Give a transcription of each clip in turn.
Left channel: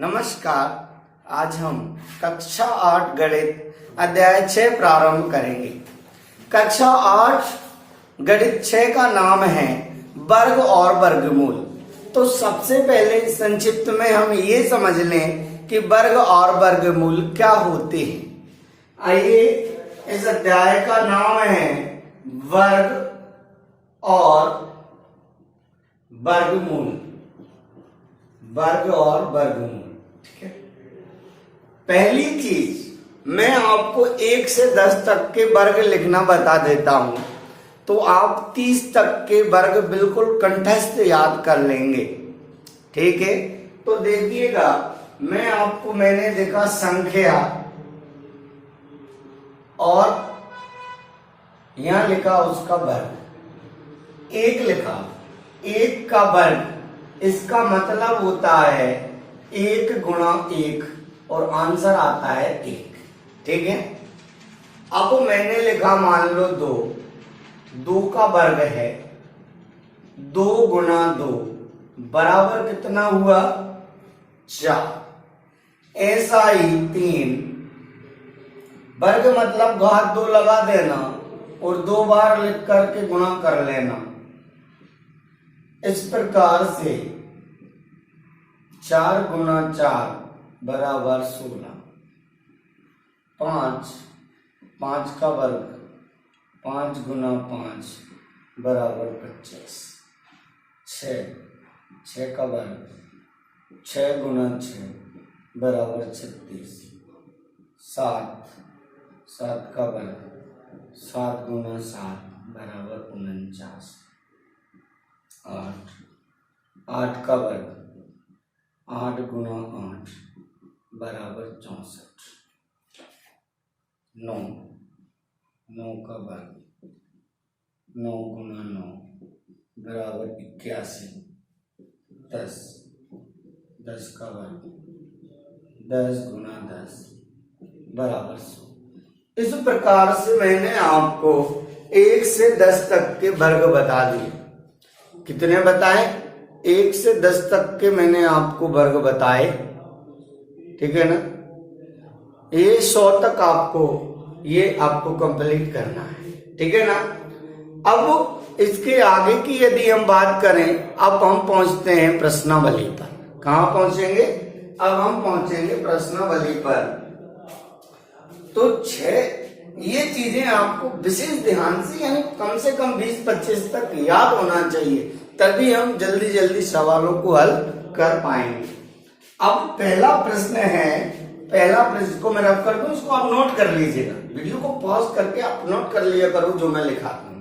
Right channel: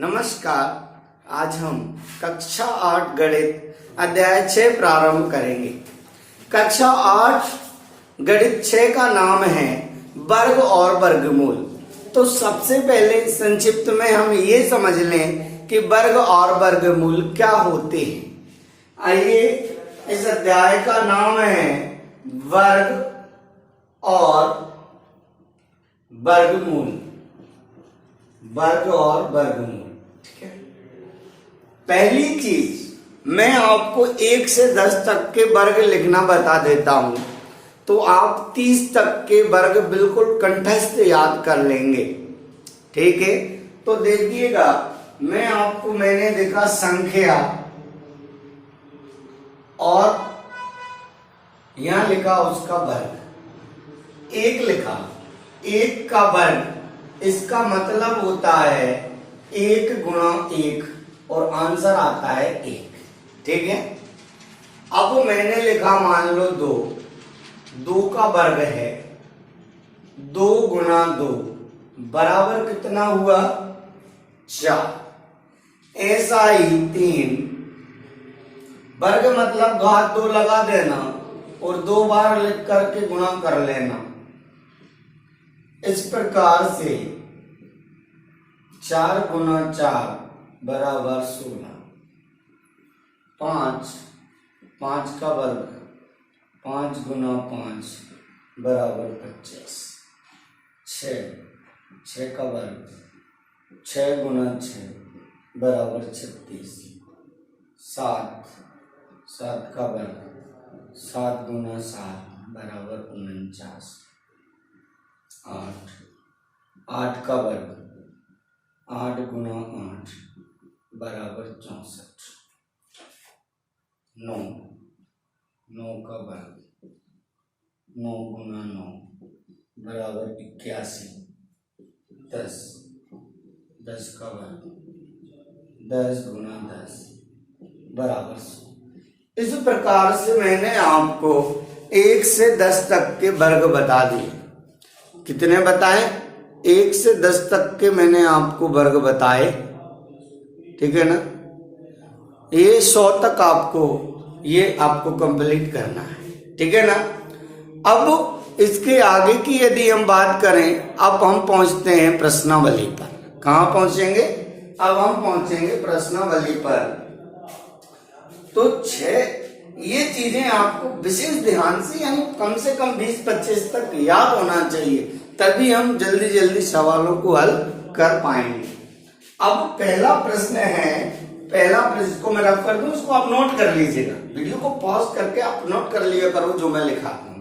नमस्कार। आज हम कक्षा 8 गणित अध्याय 6 प्रारंभ करेंगे। कक्षा 8 गणित 6 का नाम है वर्ग और वर्गमूल। तो सबसे पहले संक्षिप्त में हम ये समझ लें कि वर्ग और वर्गमूल क्या होते हैं। आइए, इस अध्याय का नाम है वर्ग और वर्गमूल। वर्ग और वर्गमूल, ठीक है। पहली चीज, मैं आपको 1 से 10 तक के वर्ग लिखना बता देता हूं, तो आप 30 तक के वर्ग बिल्कुल कंठस्थ याद कर लेंगे, ठीक है। तो देखिएगा, मैंने देखा संख्या और यहां लिखा उसका वर्ग, 1 लिखा, 1 का वर्ग, इसका मतलब होता है 1 गुणा 1 और आंसर आता है 1, ठीक है। अब मैंने लिखा मान लो 2, 2 का वर्ग है 2 गुणा 2 बराबर कितना हुआ 4। ऐसा ही 3 वर्ग मतलब घात 2 लगा देना और 2 बार लिख करके गुणा कर लेना। इस प्रकार से 4 गुना 4 बराबर 16। 5 का वर्ग 5 गुना 5 बराबर 25। 6 का वर्ग 6 गुना 6 बराबर 36। 7 का वर्ग 7 गुना 7 बराबर 49। 8 का वर्ग 8 गुना 8 बराबर 64। 9 का वर्ग 9 गुना 9 बराबर 81। 10 का वर्ग 10 गुना 10 बराबर 100। इस प्रकार से मैंने आपको 1 से 10 तक के वर्ग बता दिए। कितने बताए? 1 से 10 तक के मैंने आपको वर्ग बताए, ठीक है ना। ये 100 तक आपको कंप्लीट करना है, ठीक है ना। अब इसके आगे की यदि हम बात करें, अब हम पहुंचते हैं प्रश्नावली पर। कहां पहुंचेंगे? अब हम पहुंचेंगे प्रश्नावली पर। तो 6 ये चीजें आपको विशेष ध्यान से, यानी कम से कम 20-25 तक याद होना चाहिए, तभी हम जल्दी जल्दी सवालों को हल कर पाएंगे। अब पहला प्रश्न को मैं रख कर दूं, इसको आप नोट कर लीजिएगा। वीडियो को पॉज करके आप नोट कर लिया करो जो मैं लिखाता हूं।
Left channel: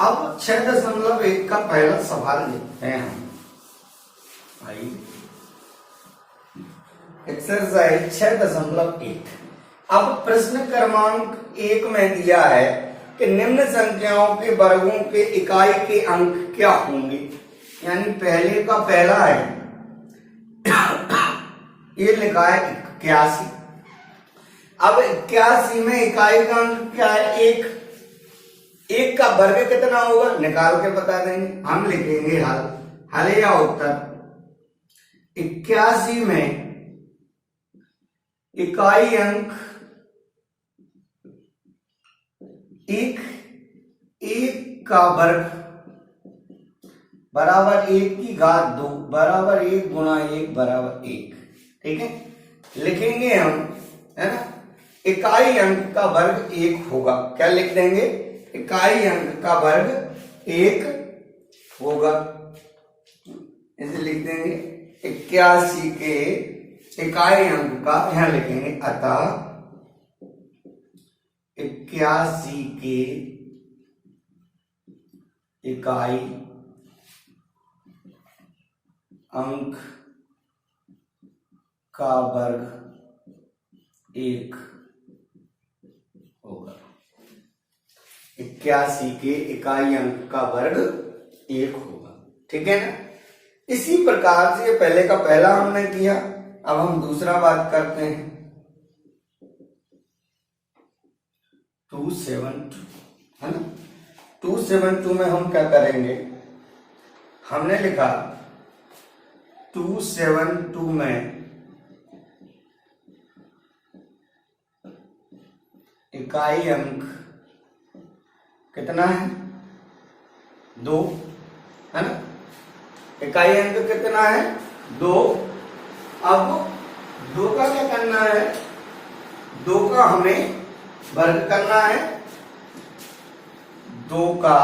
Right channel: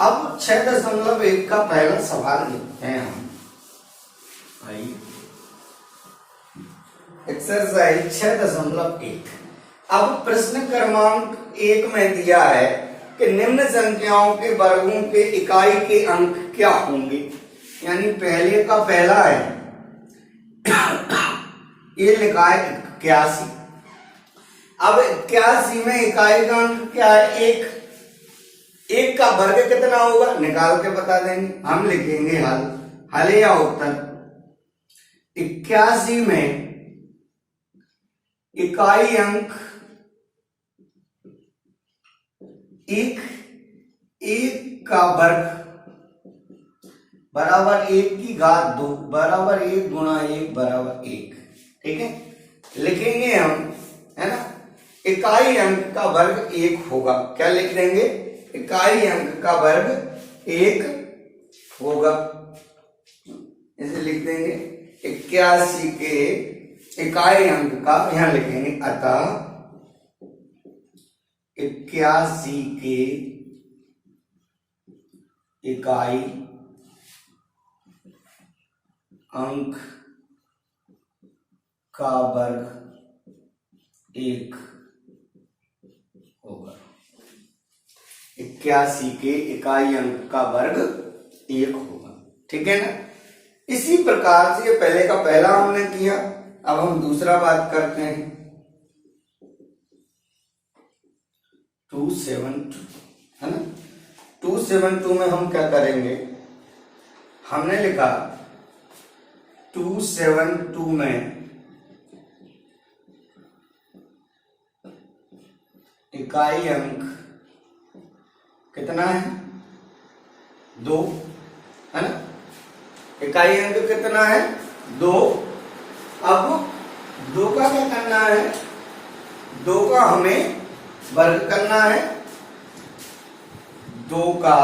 अब 6.1 का पहला सवाल लिखते हैं हम। आइए, एक्सरसाइज 6.1। अब प्रश्न क्रमांक 1 में दिया है कि निम्न संख्याओं के वर्गों के इकाई के अंक क्या होंगे। यानी पहले का पहला है, ये लिखा है 81। अब 81 में इकाई का अंक क्या है? 1 का वर्ग कितना होगा निकाल के बता देंगे। हम लिखेंगे हल या उत्तर। 81 में इकाई अंक 1 का वर्ग बराबर 1 की घात 2 बराबर 1 गुणा 1 बराबर 1, ठीक है। लिखेंगे हम, है ना। इकाई अंक का वर्ग 1 होगा। क्या लिख देंगे? इकाई अंक का वर्ग 1 होगा। इसे लिख देंगे 81 के इकाई अंक का, यहां लिखेंगे अतः 81 के इकाई अंक का वर्ग 1 होगा। 81 के इकाई अंक का वर्ग 1 होगा, ठीक है ना। इसी प्रकार से ये पहले का पहला हमने किया। अब हम दूसरा बात करते हैं। 272, है ना। 272 में हम क्या करेंगे? हमने लिखा 272 में इकाई अंक कितना है? 2 है ना। इकाई अंक कितना है? 2। अब 2 का क्या करना है? 2 का हमें वर्ग करना है। 2 का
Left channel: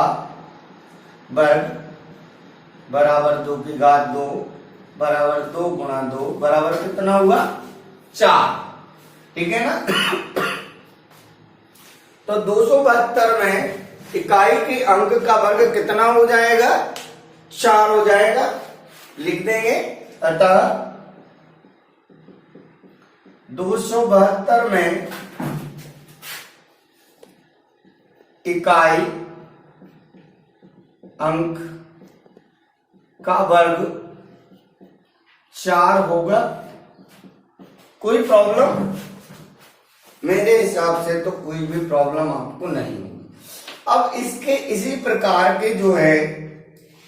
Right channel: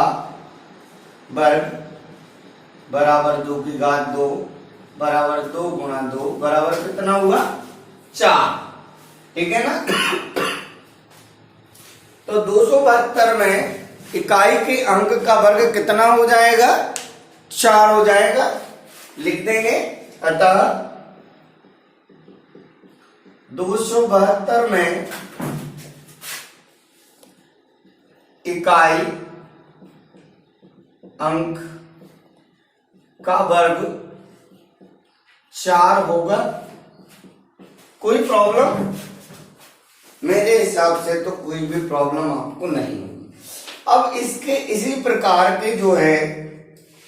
वर्ग बराबर 2 की घात 2 बराबर 2 गुणा 2 बराबर कितना हुआ? 4। ठीक है ना। तो 272 में इकाई के अंक का वर्ग कितना हो जाएगा? 4 हो जाएगा। लिख देंगे अतः 272 में इकाई अंक का वर्ग 4 होगा। कोई प्रॉब्लम? मेरे हिसाब से तो कोई भी प्रॉब्लम आपको नहीं होगी। अब इसके इसी प्रकार के जो है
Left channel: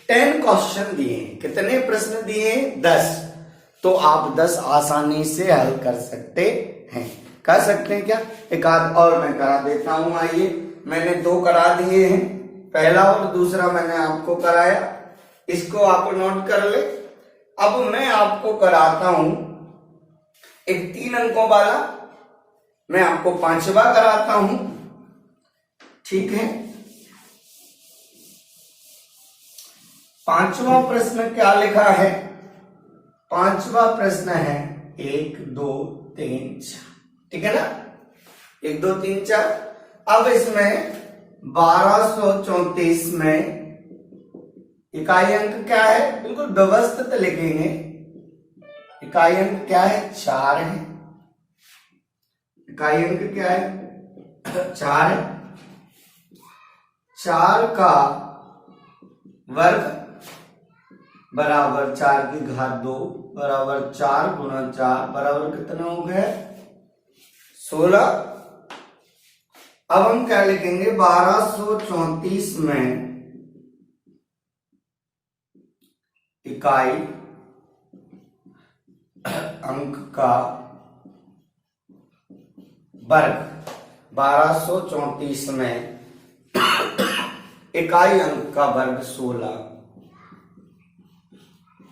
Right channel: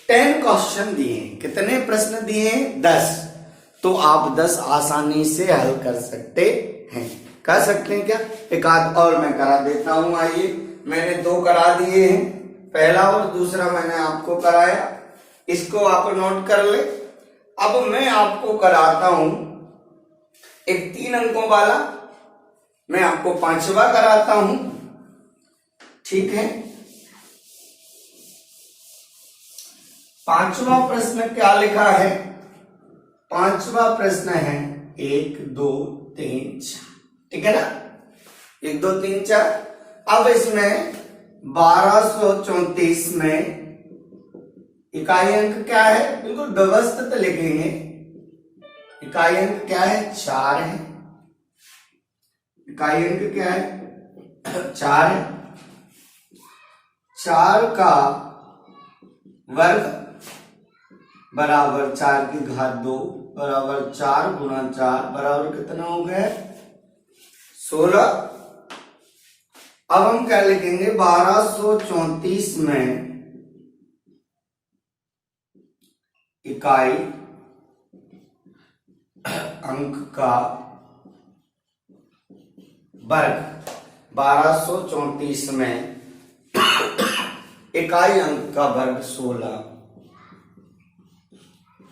10 क्वेश्चन दिए। कितने प्रश्न दिए? 10। तो आप 10 आसानी से हल कर सकते हैं। कर सकते हैं क्या? एक आध और मैं करा देता हूं। आइए, मैंने 2 करा दिए हैं, पहला और दूसरा मैंने आपको कराया। इसको आप नोट कर ले। अब मैं आपको कराता हूं एक 3 अंकों वाला, मैं आपको 5वां कराता हूं। ठीक है। 5वां प्रश्न क्या लिखा है? 5वां प्रश्न है 1 2 3 4। ठीक है ना। 1 2 3 4। अब इसमें 1234 में इकाई अंक क्या है? बिल्कुल व्यवस्थित लिखेंगे। इकाई अंक क्या है? 4 है। इकाई अंक क्या है? 4 है। 4 का वर्ग बराबर 4 की घात 2 बराबर 4 गुणा 4 बराबर कितना हो गया? 16। अब हम क्या लिखेंगे? 1234 में इकाई अंक का वर्ग 1234 में इकाई अंक का वर्ग 16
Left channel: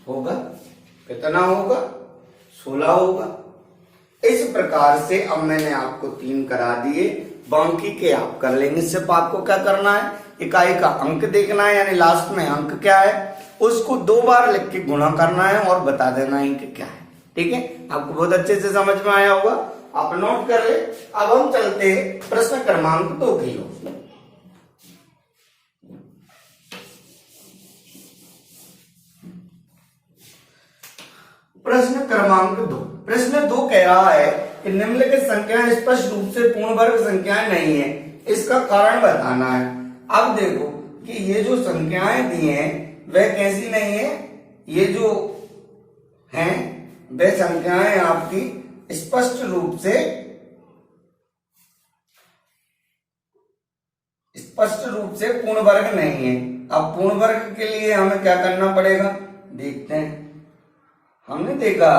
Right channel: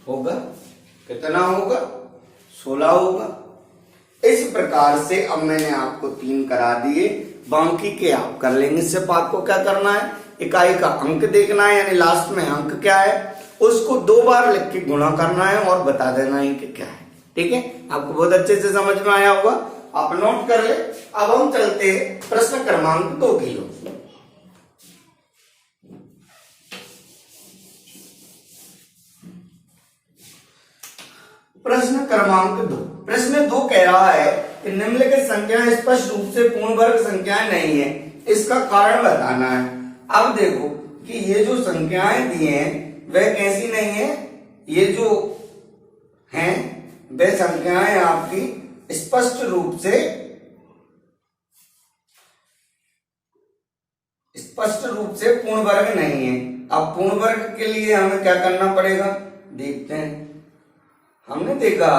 होगा। कितना होगा? 16 होगा। इस प्रकार से अब मैंने आपको 3 करा दिए, बाकी के आप कर लेंगे। सिर्फ आपको क्या करना है? इकाई का अंक देखना है, यानी लास्ट में अंक क्या है उसको 2 बार लिख के गुणा करना है और बता देना है कि क्या है। ठीक है। आपको बहुत अच्छे से समझ में आया होगा, आप नोट कर ले। अब हम चलते प्रश्न क्रमांक 2 की ओर। प्रश्न क्रमांक 2। प्रश्न 2 कह रहा है कि निम्नलिखित संख्याएं स्पष्ट रूप से पूर्ण वर्ग संख्याएं नहीं है, इसका कारण बताना है। अब देखो कि ये जो संख्याएं दी हैं वह कैसी नहीं है। ये जो हैं वे संख्याएं आपकी स्पष्ट रूप से पूर्ण वर्ग नहीं है। अब पूर्ण वर्ग के लिए हमें क्या करना पड़ेगा? देखते हैं। हमने देखा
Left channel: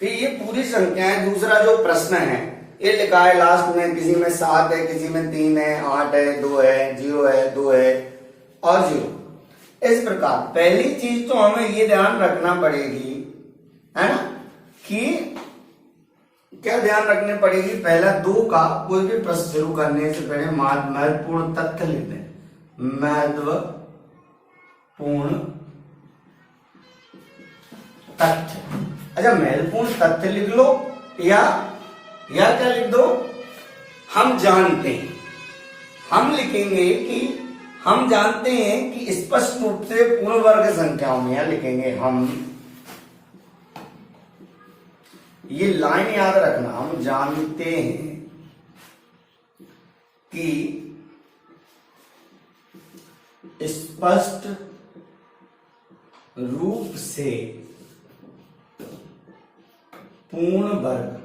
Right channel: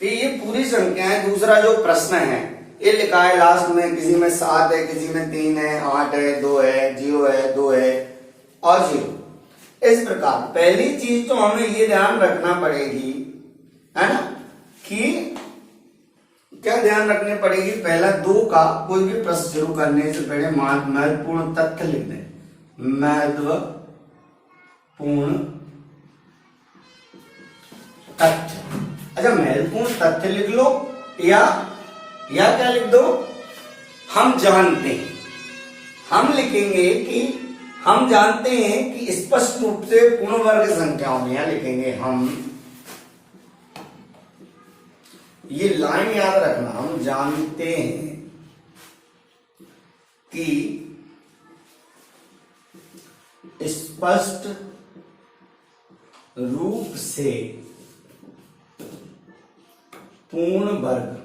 कि ये पूरी संख्याएं, दूसरा जो प्रश्न है ये लिखा है लास्ट में, किसी में 7 है, किसी में 3 है, 8 है, 2 है, 0 है, 2 है और 0। इस प्रकार पहली चीज तो हमें ये ध्यान रखना पड़ेगी, है ना, कि क्या ध्यान रखनी पड़ेगी? पहला 2 का कोई भी प्रश्न शुरू करने से पहले महत्वपूर्ण तथ्य लिख दें। महत्वपूर्ण तथ्य। अच्छा, महत्वपूर्ण तथ्य लिख लो या क्या लिख दो? हम जानते हैं। हम लिखेंगे कि हम जानते हैं कि स्पष्ट रूप से पूर्ण वर्ग संख्याओं में, या लिखेंगे हम, ये लाइन याद रखना, हम जानते हैं कि स्पष्ट रूप से पूर्ण वर्ग,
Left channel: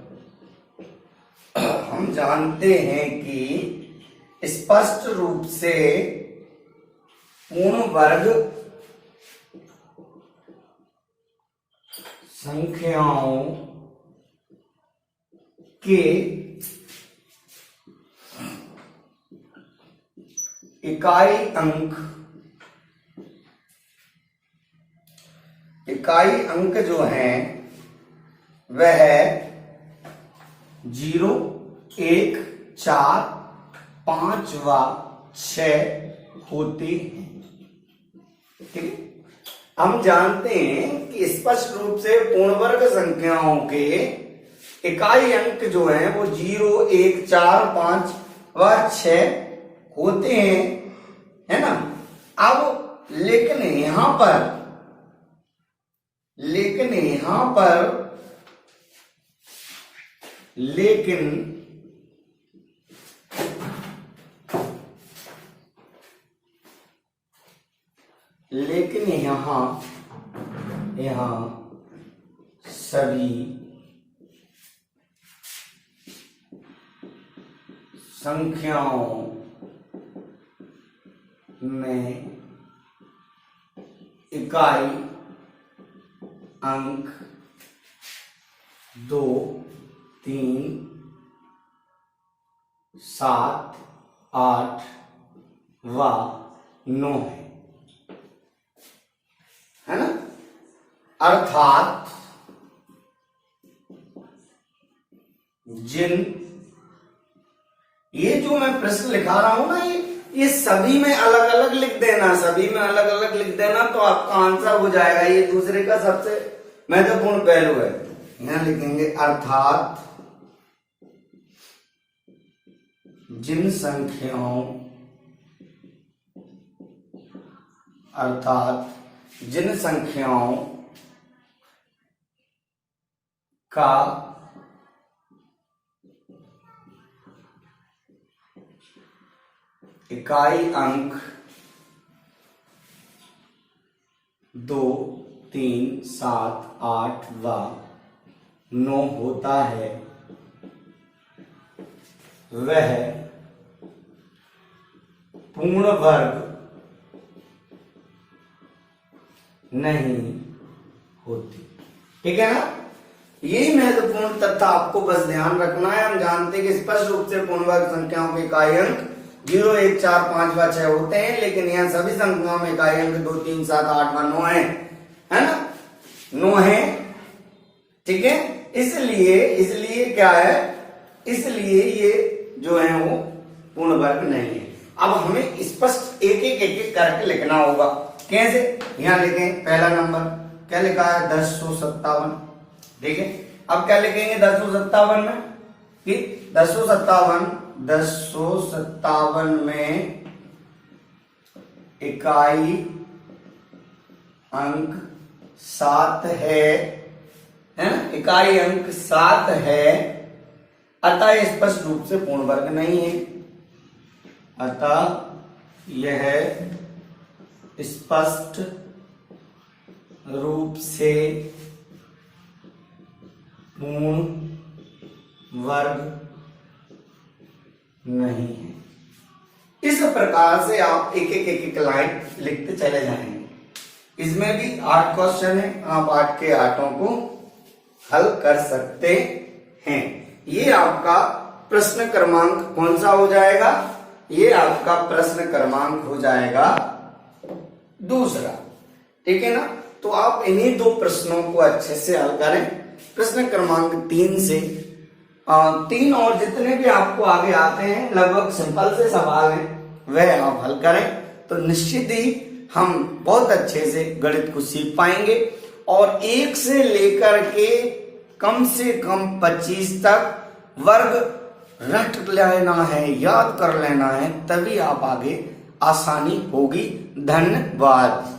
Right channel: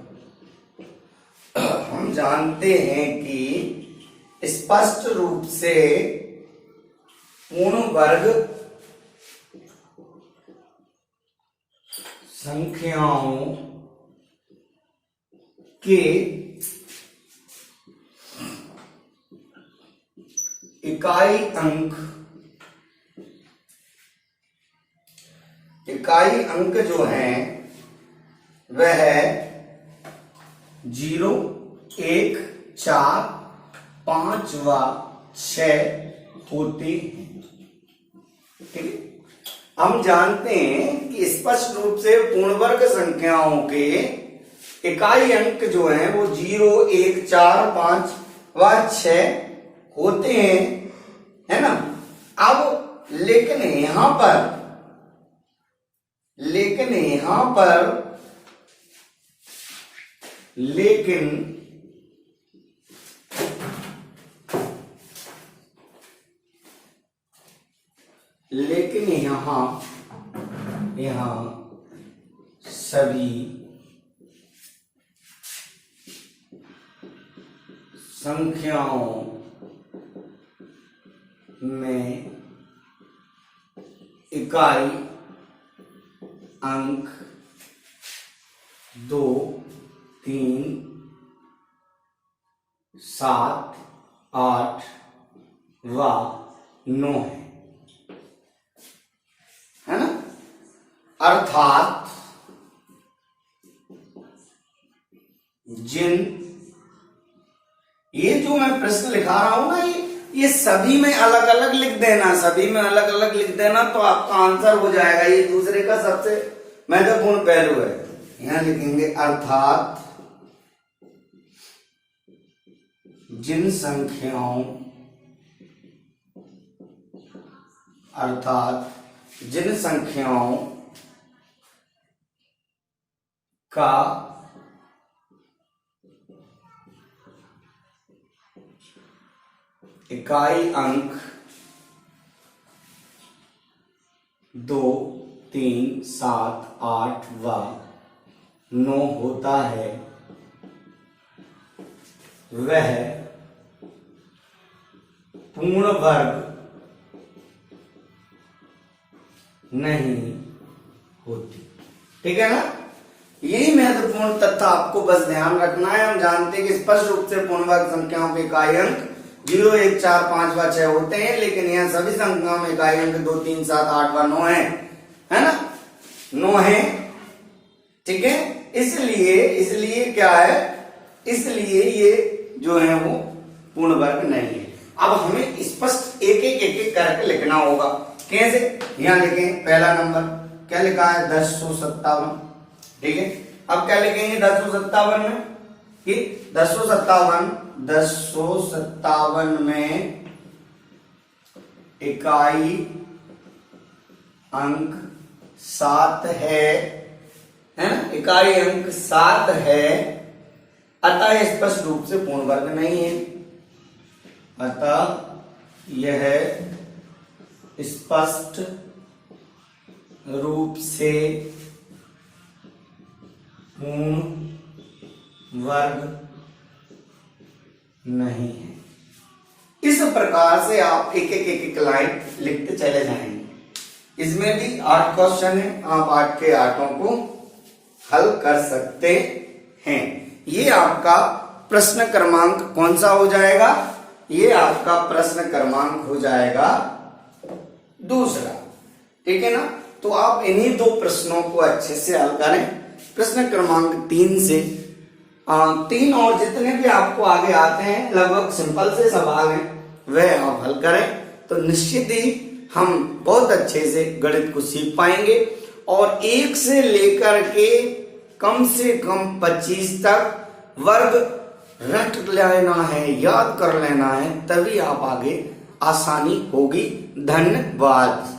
हम जानते हैं कि स्पष्ट रूप से पूर्ण वर्ग संख्याओं के इकाई अंक जो है वह 0, 1, 4, 5 व 6 होते हैं। ठीक है, हम जानते हैं कि स्पष्ट रूप से पूर्ण वर्ग संख्याओं के इकाई अंक जो हैं वो 0, 1, 4, 5 व 6 होते हैं, है ना। अब लेकिन यहां पर लेकिन यहां सभी संख्याओं में इकाई अंक 2, 3, 7, 8 व 9 है ना। अर्थात ये जो मैं प्रश्न लिखा रहा हूं ना, ये सभी में अलग अलग लिख देना, तो आपका आंसर हो जाएगा। ये दूसरे का सबसे महत्वपूर्ण पहलू है। यहां लिखेंगे अर्थात जिन संख्याओं का इकाई अंक 2, 3, 7, 8 व 9 होता है, वह पूर्ण वर्ग नहीं होती। ठीक है ना। यही महत्वपूर्ण तथ्य आपको बस ध्यान रखना है। हम जानते हैं कि स्पष्ट रूप से पूर्ण वर्ग संख्याओं के इकाई अंक 0, 1, 4, 5 व 6 होते हैं, लेकिन यहाँ सभी संख्याओं में इकाई अंक 2, 3, 7, 8 व 9 है ना। 9 है। ठीक है, इसलिए क्या है, इसलिए ये जो है वो पूर्ण वर्ग नहीं है। अब हमें स्पष्ट एक करके लिखना होगा। कैसे? यहां लिखें पहला नंबर क्या लिखा है, 1057। ठीक है, अब क्या लिखेंगे 1057 में कि 1057 में इकाई अंक 7 है ना, इकाई अंक 7 है, अतः स्पष्ट रूप से पूर्ण वर्ग नहीं है। अतः यह स्पष्ट रूप से पूर्ण वर्ग नहीं है। इस प्रकार से आप एक लाइन लिखते चले जाएंगे। इसमें भी 8 क्वेश्चन है, आप 8 के 8 को हल कर सकते हैं। ये आपका प्रश्न क्रमांक कौन सा हो जाएगा? ये आपका प्रश्न क्रमांक हो जाएगा दूसरा। ठीक है ना। तो आप इन्हीं 2 प्रश्नों को अच्छे से हल करें। प्रश्न क्रमांक 3 से 3 और जितने भी आपको आगे आते हैं लगभग सिंपल से सवाल हैं, वह आप हल करें तो निश्चित ही हम बहुत अच्छे से गणित को सीख पाएंगे। और 1 से लेकर के कम से कम 25 तक वर्ग रट लेना है, याद कर लेना है, तभी आप आगे आसानी होगी। धन्यवाद।